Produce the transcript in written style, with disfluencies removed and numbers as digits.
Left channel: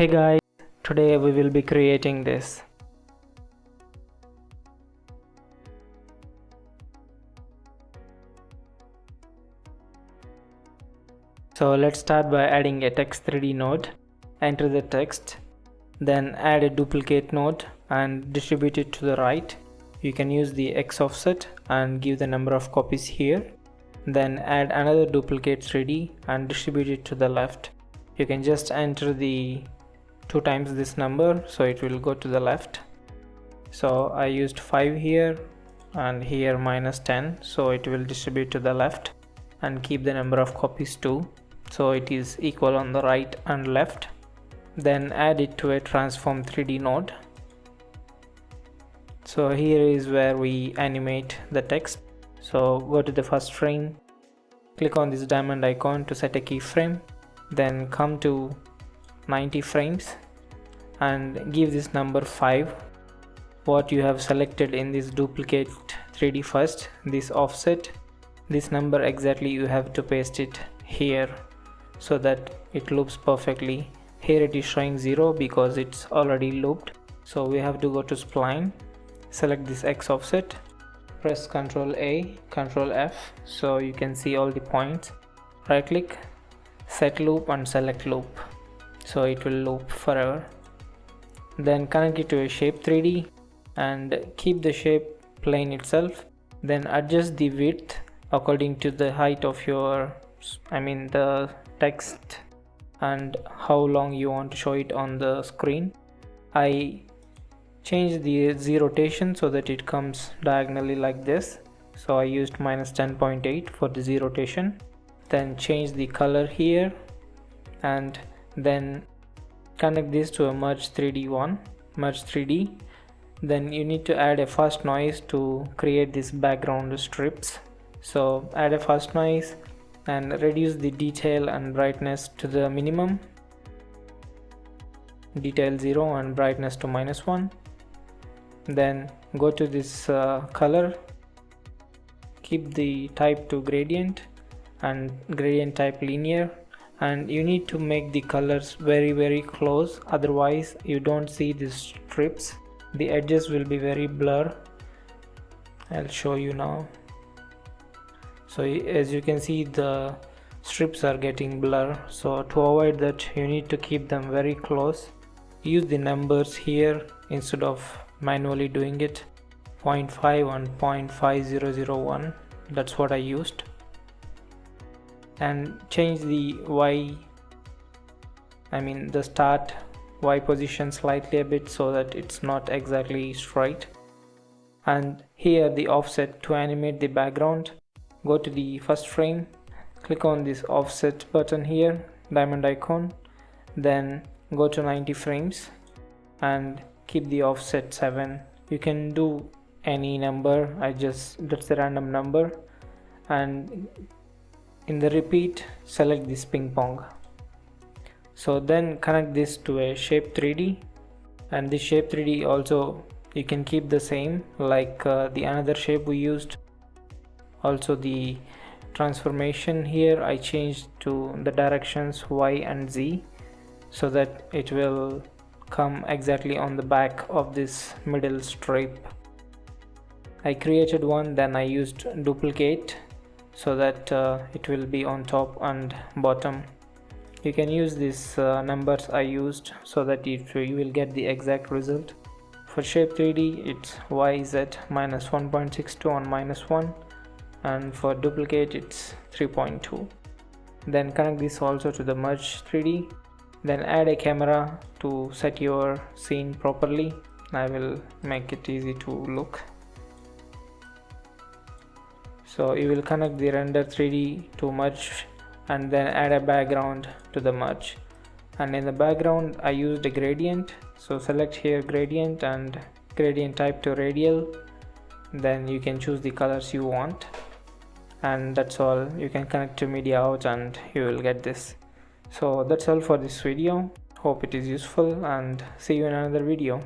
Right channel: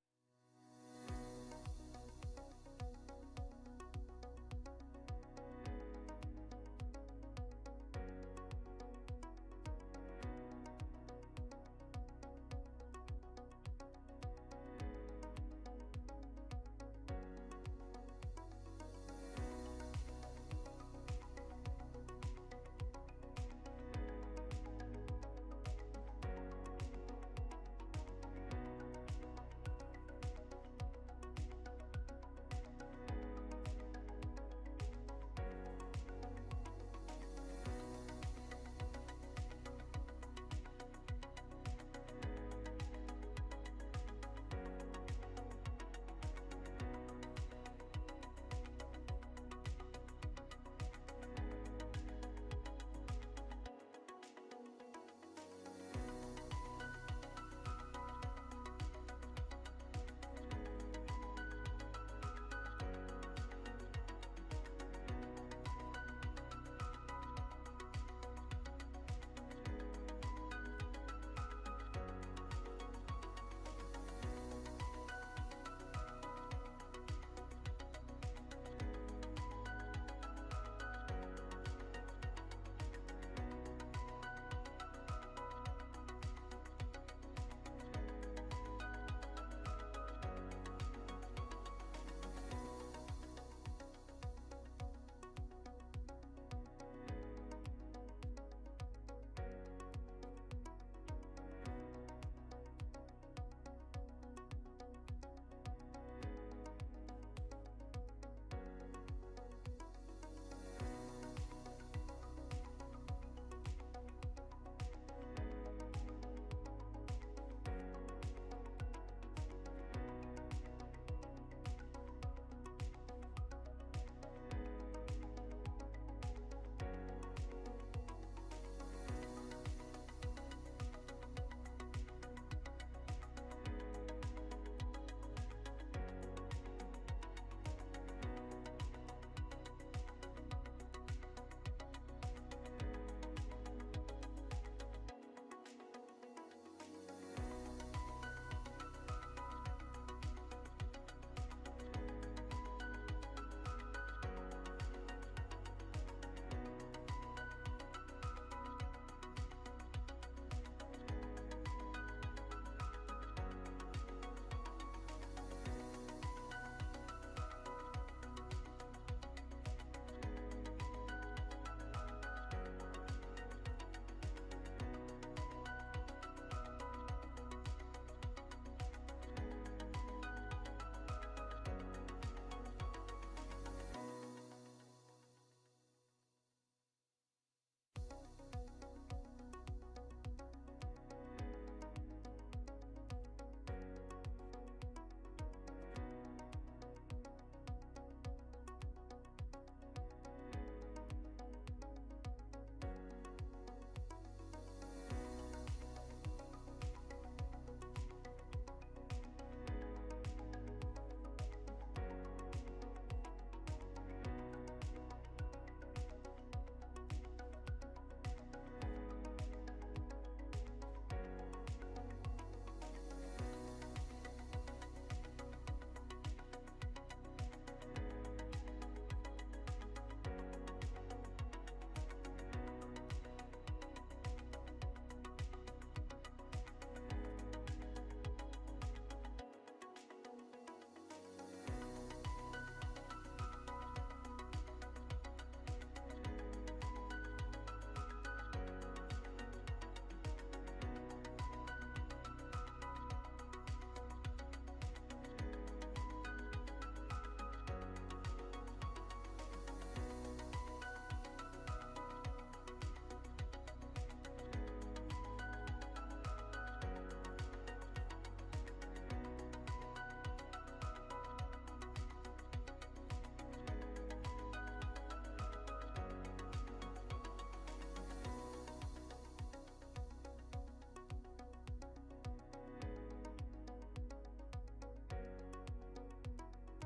Hey guys, today we will be creating this. So let's start by adding a text 3D node. Enter the text, then add a duplicate node and distribute it to the right. You can use the X offset and give the number of copies here. Then add another duplicate 3D and distribute it to the left. You can just enter the 2 times this number, so it will go to the left. So I used 5 here and here -10, so it will distribute to the left, and keep the number of copies too, so it is equal on the right and left. Then add it to a transform 3D node. So here is where we animate the text. So go to the first frame, click on this diamond icon to set a keyframe, then come to 90 frames and give this number 5. What you have selected in this duplicate 3D first, this offset, this number exactly you have to paste it here so that it loops perfectly. Here it is showing 0 because it's already looped, so we have to go to spline, select this X offset, press Ctrl A, Ctrl F so you can see all the points, right click, set loop and select loop, so it will loop forever. Then connect it to a shape 3D and keep the shape plane itself, then adjust the width according to the height of your the text and how long you want to show it on the screen. I changed the Z rotation so that it comes diagonally like this, so I used -10.8 for the Z rotation. Then change the color here and then connect this to a merge 3D. Then you need to add a fast noise to create this background strips. So add a fast noise and reduce the detail and brightness to the minimum, detail 0 and brightness to -1. Then go to this color, keep the type to gradient and gradient type linear, and you need to make the colors very close, otherwise you don't see these strips. The edges will be very blur. I'll show you now. So as you can see, the strips are getting blur, so to avoid that you need to keep them very close. Use the numbers here instead of manually doing it, 0.5 and 0.5001, that's what I used. And change the the start Y position slightly a bit so that it's not exactly straight. And here the offset to animate the background, go to the first frame, click on this offset button here, diamond icon, then go to 90 frames and keep the offset 7. You can do any number, that's a random number, and in the repeat select this ping pong. So then connect this to a shape 3D, and this shape 3D also you can keep the same like the another shape we used. Also the transformation here I changed to the directions Y and Z so that it will come exactly on the back of this middle strip. I created one, then I used duplicate so that it will be on top and bottom. You can use these numbers I used so that you will get the exact result. For shape 3D it's YZ -1.62 on -1, and for duplicate it's 3.2. Then connect this also to the merge 3D, then add a camera to set your scene properly. I will make it easy to look. So you will connect the render 3D to merge and then add a background to the merge, and in the background I used a gradient, so select here gradient and gradient type to radial, then you can choose the colors you want, and that's all. You can connect to media out and you will get this. So that's all for this video. Hope it is useful, and see you in another video.